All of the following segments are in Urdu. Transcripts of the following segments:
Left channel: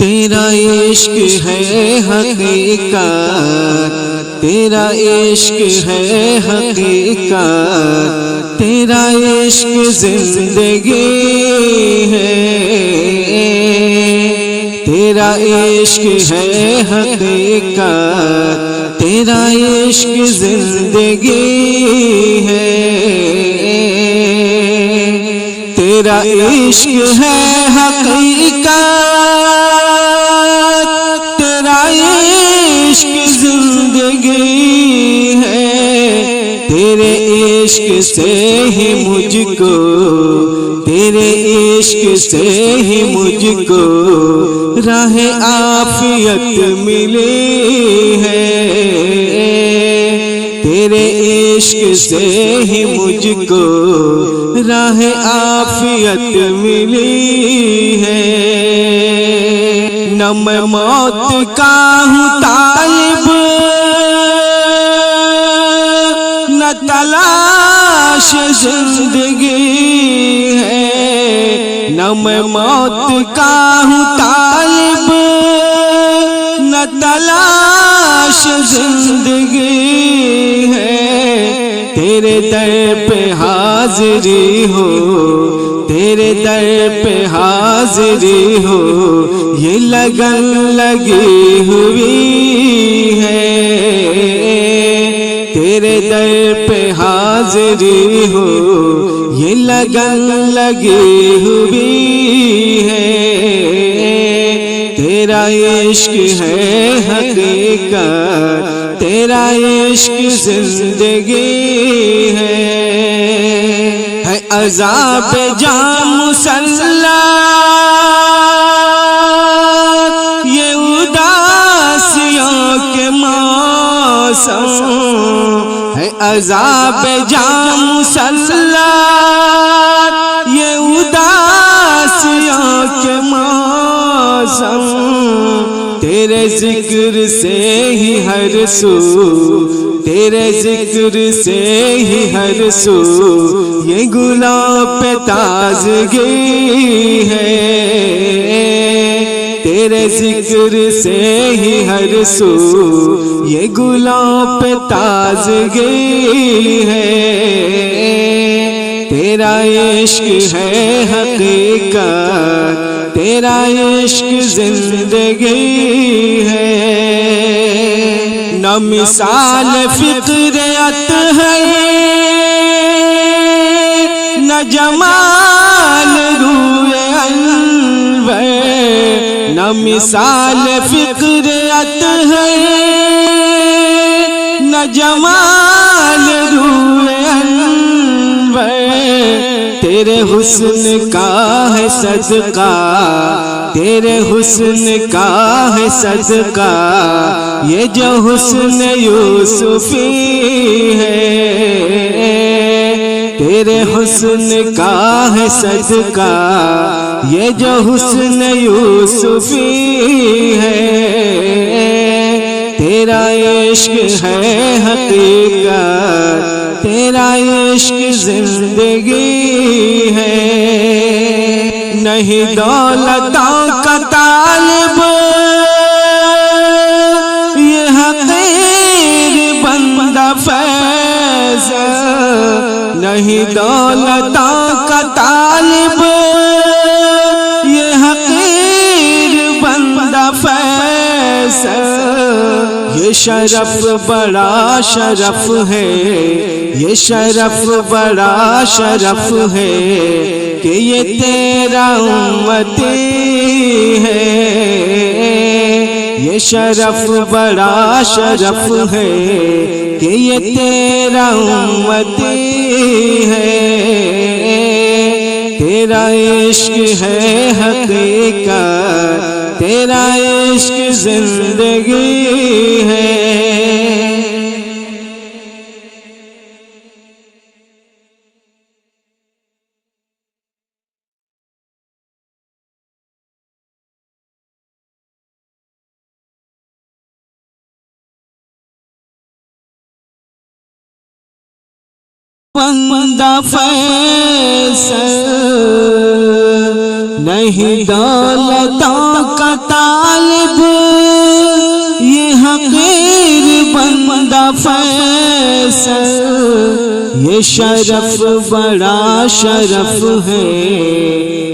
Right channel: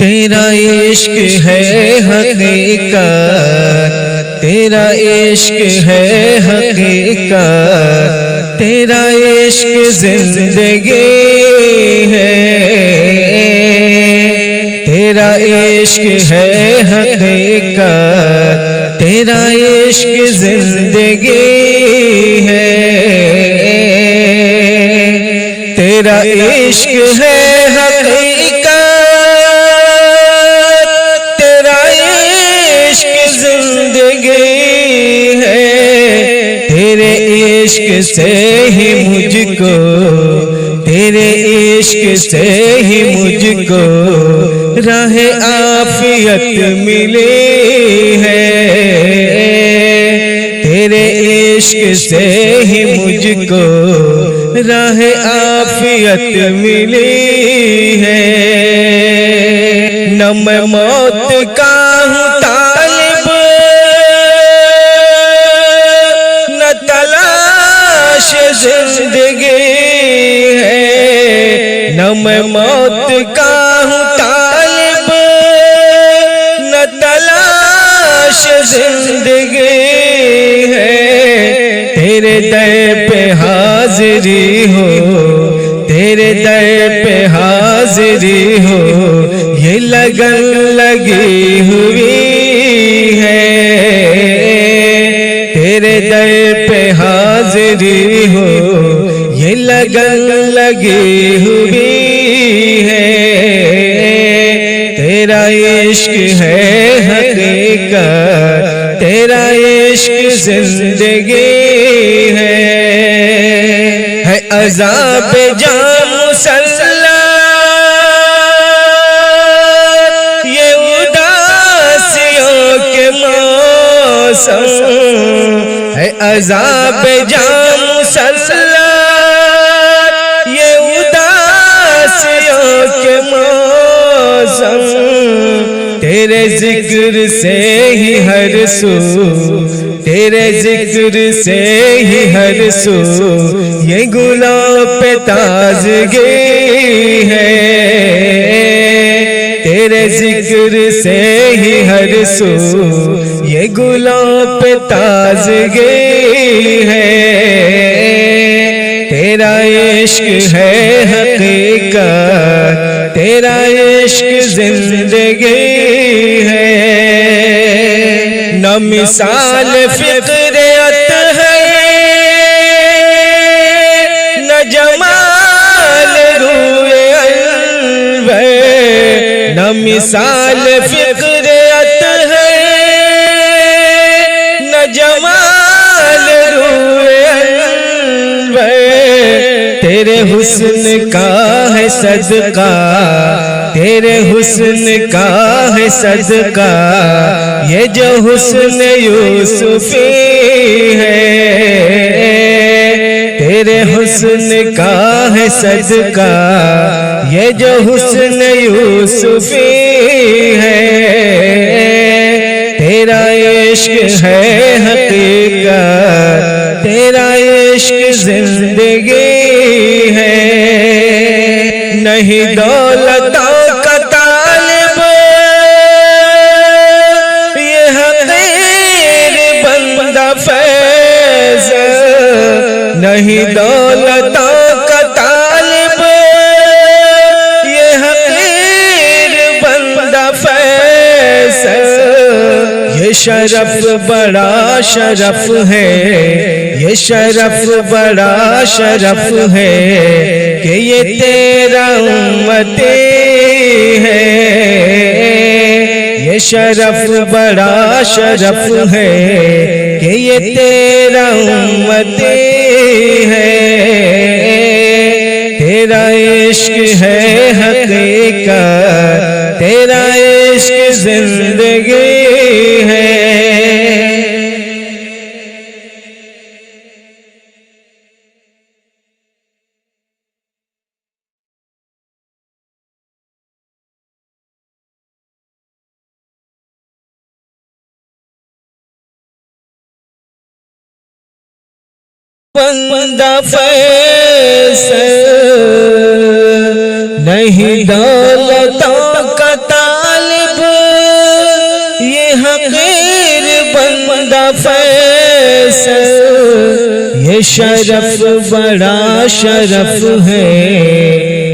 تیرا عشق ہے حقیقت، تیرا عشق ہے حقیقت، تیرا عشق زندگی ہے، تیرا عشق ہے حقیقت، تیرا عشق زندگی ہے، تیرا عشق ہے حقیقت، زندگی ہے، تیرے عشق سے ہی مجھ کو، تیرے عشق سے ہی مجھ کو راہ عافیت ملی ہے، تیرے عشق سے ہی مجھ کو راہ عافیت ملی ہے، نہ میں موت کا ہوں طالب، نہ تلاش زندگی ہے، نہ میں موت کا ہوں طالب، نہ تلاش زندگی ہے، تیرے در پہ حاضری ہو، تیرے در پہ حاضری ہو، یہ لگن لگی ہوئی ہے، تیرے در پہ حاضری ہو، یہ لگن لگی ہوئی ہے، تیرا عشق ہے حقیقت، تیرا عشق زندگی ہے عذاب جام مسلط، یہ اداسیوں کے موسم ہے، عذاب جام مسلط، یہ اداسیوں کے موسم، تیرے ذکر سے ہی ہر سو، تیرے ذکر سے ہی ہر سو یہ گلوں پہ تازگی ہے، تیرے ذکر سے ہی ہر سو یہ گلوں پہ تازگی ہے، تیرا عشق ہے حقیقت، تیرا عشق زندگی ہے، نہ مثال فطرت ہے، نہ جمال روئے انور، نہ مثال فطرت ہے، نہ جمال روئے انور، تیرے حسن کا ہے صدقہ، تیرے حسن کا ہے صدقہ، یہ جو حسن یوسفی ہے، تیرے حسن کا ہے صدقہ، یہ جو حسن یوسفی ہے، تیرا عشق ہے حقیقت، تیرا عشق زندگی ہے، نہیں دولتوں کا طالب یہ حقیر بندہ فیض، نہیں دولتوں کا طالب یہ حقیر بندہ فیض، یہ شرف بڑا شرف ہے، یہ شرف بڑا شرف ہے کہ یہ تیرا امتی ہے، یہ شرف بڑا شرف ہے کہ یہ تیرا امتی ہے، تیرا عشق ہے حقیقت، تیرا عشق زندگی ہے، بندہ فیصل نہیں دولتوں کا طالب یہ حقیر بندہ فیصل، یہ شرف بڑا شرف ہے،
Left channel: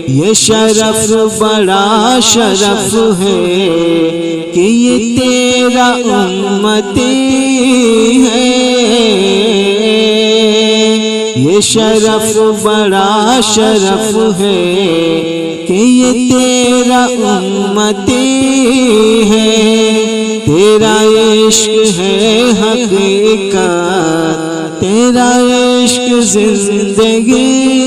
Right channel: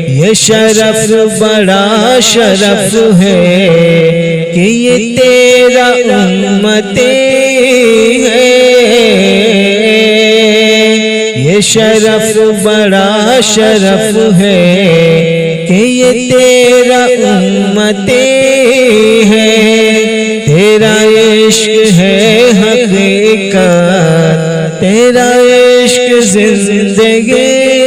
یہ شرف بڑا شرف ہے کہ یہ تیرا امتی ہے، یہ شرف بڑا شرف ہے کہ یہ تیرا امتی ہے، تیرا عشق ہے حقیقت، تیرا عشق زندگی